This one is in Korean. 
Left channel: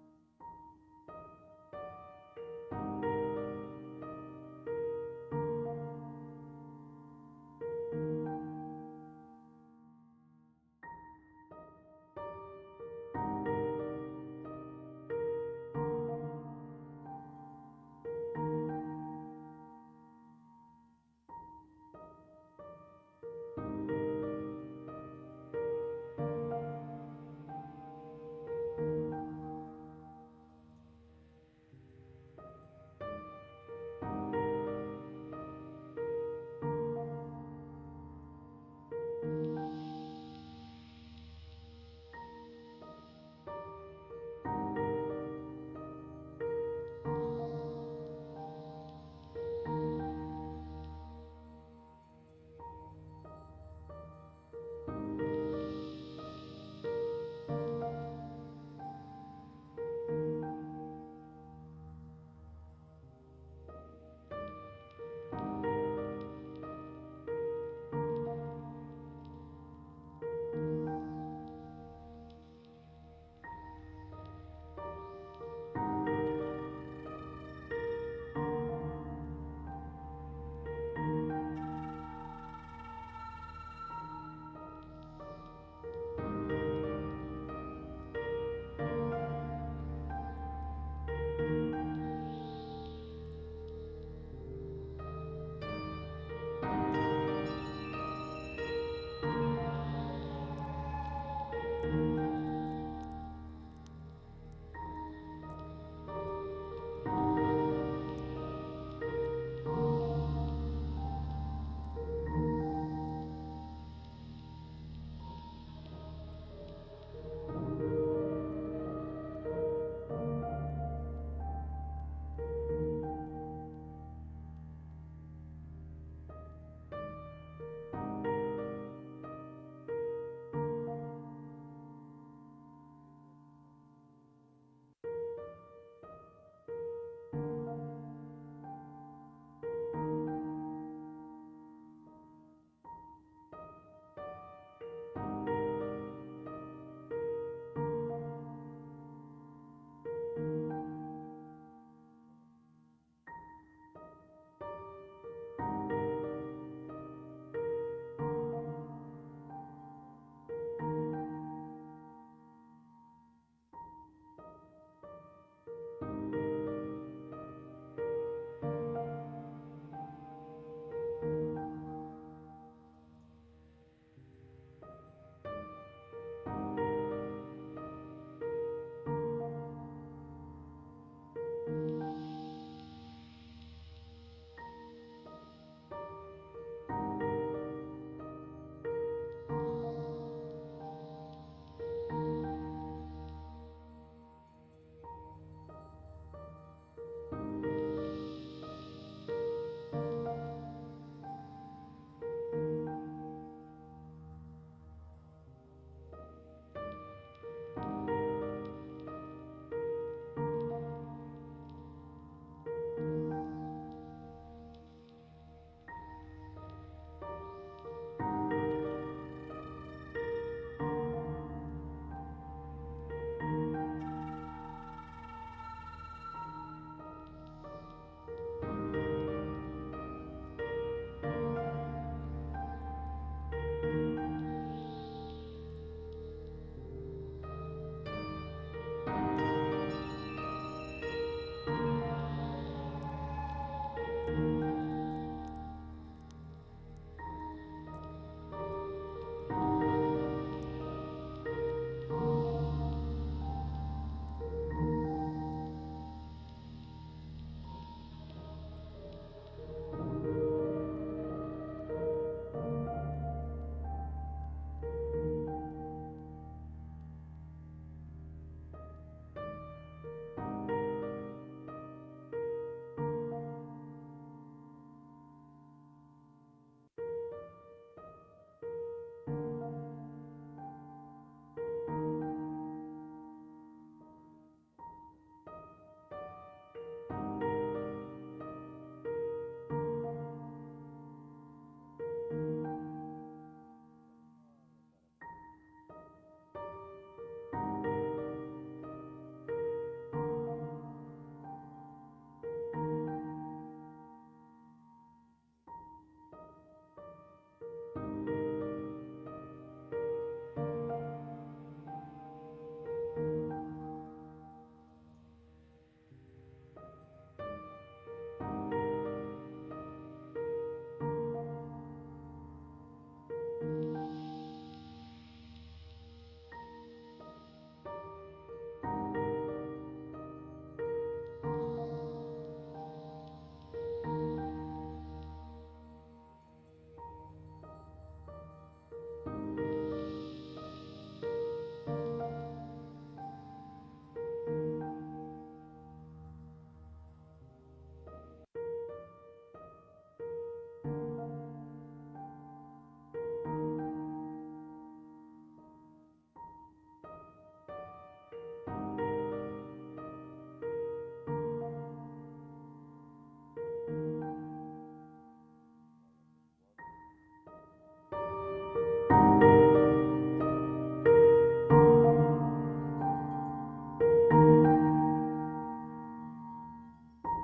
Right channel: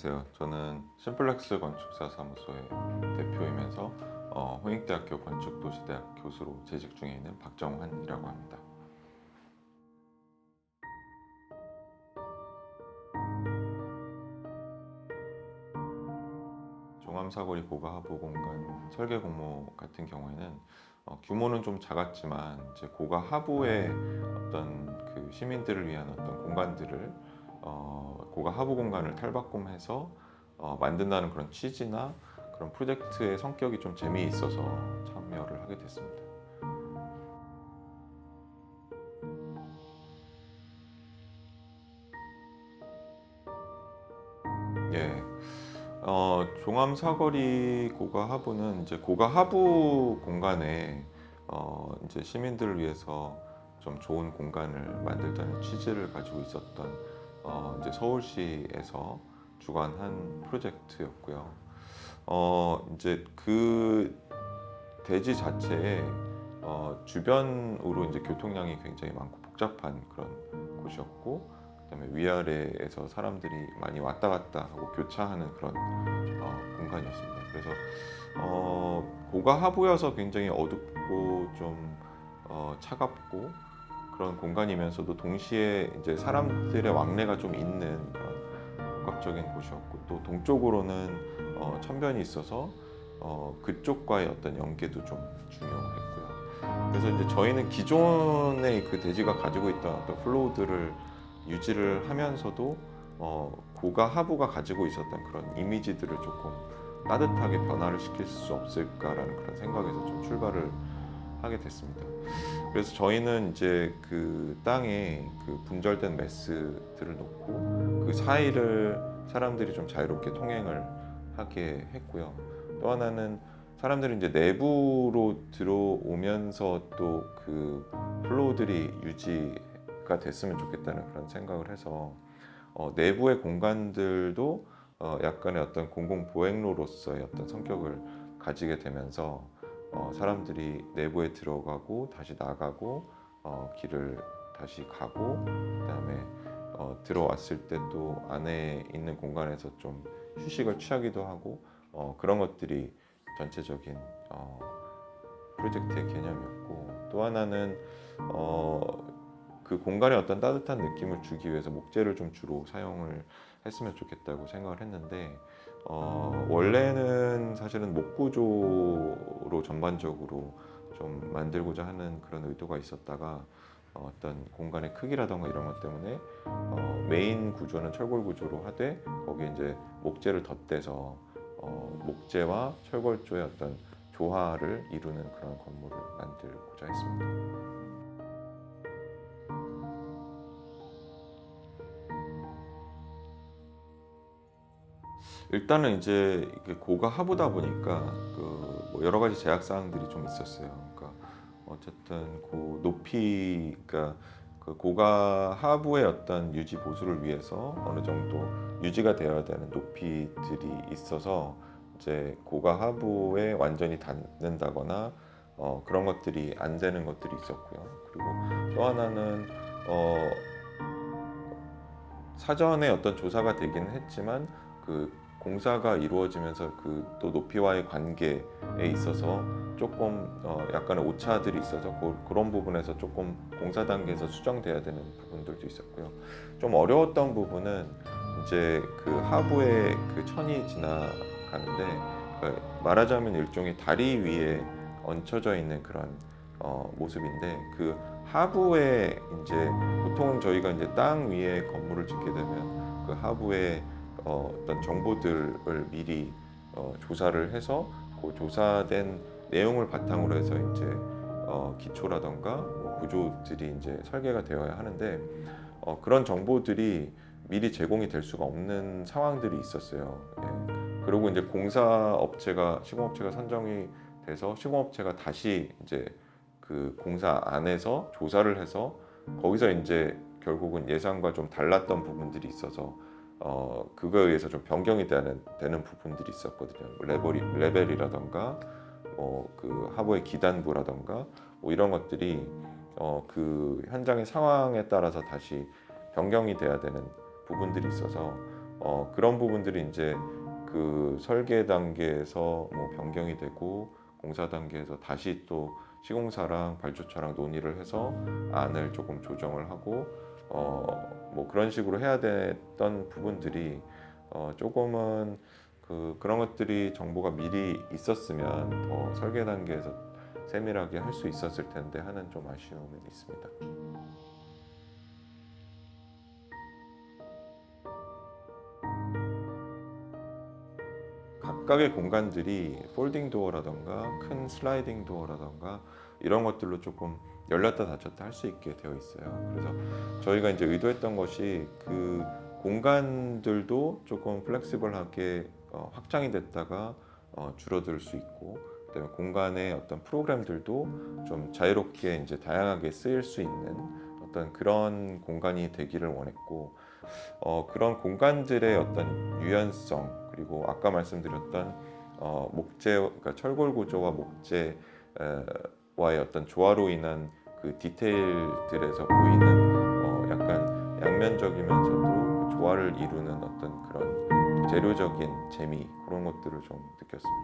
안녕하세요. 저는 심플렉스 건축사 사무소의 대표이면서 홍익대학교 건축도시대학 교수로 재직 중에 있는 박정환이라고 합니다. 종암사거리 고가하부 공간 설계 공모 같은 경우에는 규모는 좀 작았지만 이제 고가하부의 어떤 그 시민들을 위한 어떤 공간들을 고가하부 공간을 탈바꿈해서 만든다는 그런 취지나 그런 프로젝트의 성격이 좀 재미있어서 참여를 하게 됐습니다. 예, 종암사거리 고가하부는 이제 고가하부 공간에 이제 시민들을 위해서 좀 좋은 공간을 만들자는 취지를 가지고 있었던 이제 서울시에서 주관한 프로젝트였고요. 이제 그 대지 자체에 주변으로 이제 교통량이 굉장히 많고 복잡한 그런 곳이었고, 그다음에 위아래에서 사람들이 많이 왔다 갔다 하고 교차하는 그런 공간이었습니다. 그래서 고가하부여서 굉장히 어둡고 좀 차갑고 그런 공간이면서도 동시에 이제 사람들의 왕래가 좀 있는 그런 복합적인 곳이었고, 또 동쪽으로는 천변이 있어서 그쪽과의 어떤 연계도 좀 중요했고요. 그래서 이제 저희는 기존의 그 대지가 가지고 있던 어떤 플로우들을 유지를 하면서도 고가 하부가 가지고 있었던 그런 이미지들을 조금 따뜻하게 변화를 시킬 수 없을까라는 그런 생각에서 좀 출발을 하게 됐습니다. 그래서 저희는 이제 그 땅에 그 분절된 메스들을 놓고 그 사이를 사람들이 좀 자유롭게 통행을 하게 했고요. 또 하나는 사람들이 이제 내부로 들어오면서 또 그 플로우들이 유지가 됐으면 좋겠다는 그런 생각을 해서 내부의 공간들도 약간의 어떤 공공 보행로로서의 어떤 성격을 가지게 되면서 사람들이 내부에 들어가고 다시 나가고 길을 다시 가고, 그다음에 들어왔을 때 또 안에 있는 공간에서 좀 휴식을 취하기도 하고 그런 것들이 전체적인 프로젝트의 개념이었고, 또 하나는 그 공간에 어떤 따뜻한 느낌을 주기 위해서 목재를 좀 주로 사용을 했으면 좋겠다고 생각을 했는데, 원래는 사실은 목구조로 전반적으로 좀 만들고자 하는 그런 의도가 있었다가 어떤 공간의 크기라던가 이런 것 때문에 메인 구조는 철골 구조로 하되 거기에 이제 목재를 덧대서 목재와 철골조의 어떤 조화를 이루는 그런 건물을 만들고자 했습니다. 일단은 이제 고가 하부다 보니까 그뭐 여러 가지 제약 사항들이 좀 있었어요. 그러니까 어쨌든 그 높이, 그러니까 그 고가 하부의 어떤 유지 보수를 위해서 어느 정도 유지가 되어야 되는 높이들이 있어서 이제 고가 하부에 완전히 닿는다거나 그런 것들이 안 되는 것들이 있었고요. 그리고 또 하나는 사전에 어떤 조사가 되기는 했지만 그 공사가 이루어지면서 그 또 높이와의 관계에 있어서 조금 약간의 오차들이 있어서 그런 부분에서 조금 공사 단계에서 수정돼야 되는 부분들도 있었고요. 좀 어려웠던 부분은 이제 그 하부에 그 천이 지나가는데 말하자면 일종의 다리 위에 얹혀져 있는 그런 모습인데, 그 하부에 이제 보통은 저희가 이제 땅 위에 건물을 짓게 되면 그 하부에 어떤 정보들을 미리 조사를 해서 그 조사된 내용을 바탕으로 해서 이제 기초라던가 뭐 구조들이 이제 설계가 되어야 하는데 그런 정보들이 미리 제공이 될 수가 없는 상황들이 있었어요. 예. 그리고 이제 시공업체가 선정이 돼서 시공업체가 다시 이제 그 공사 안에서 조사를 해서 거기서 이제 결국은 예상과 좀 달랐던 부분들이 있어서 그거에 의해서 좀 변경이 되는 부분들이 있었거든요. 뭐 레벨이라던가 그 하부의 기단부라던가 뭐 이런 것들이 그 현장의 상황에 따라서 다시 변경이 돼야 되는 부분들이 있어서 그런 부분들이 이제 그 설계 단계에서 뭐 변경이 되고 공사 단계에서 다시 또 시공사랑 발주처랑 논의를 해서 안을 조금 조정을 하고 뭐 그런 식으로 해야 됐던 부분들이 조금은 그런 것들이 정보가 미리 있었으면 더 설계 단계에서 세밀하게 할 수 있었을 텐데 하는 좀 아쉬움이 있습니다. 각각의 공간들이 폴딩 도어라던가 큰 슬라이딩 도어라던가 이런 것들로 조금 열렸다 닫혔다 할 수 있게 되어 있어요. 그래서 저희가 이제 의도했던 것이 그 공간들도 조금 플렉시블하게 확장이 됐다가 줄어들 수 있고, 그다음에 공간의 어떤 프로그램들도 좀 자유롭게 이제 다양하게 쓰일 수 있는 어떤 그런 공간이 되기를 원했고, 그런 공간들의 어떤 유연성, 그리고 아까 말씀드렸던 목재, 그러니까 철골 구조와 목재와의 어떤 조화로 인한 그 디테일들에서 보이는 약간 양면적이면서도 조화를 이루는 어떤 그런 재료적인 재미, 그런 것들을 좀 느꼈습니다.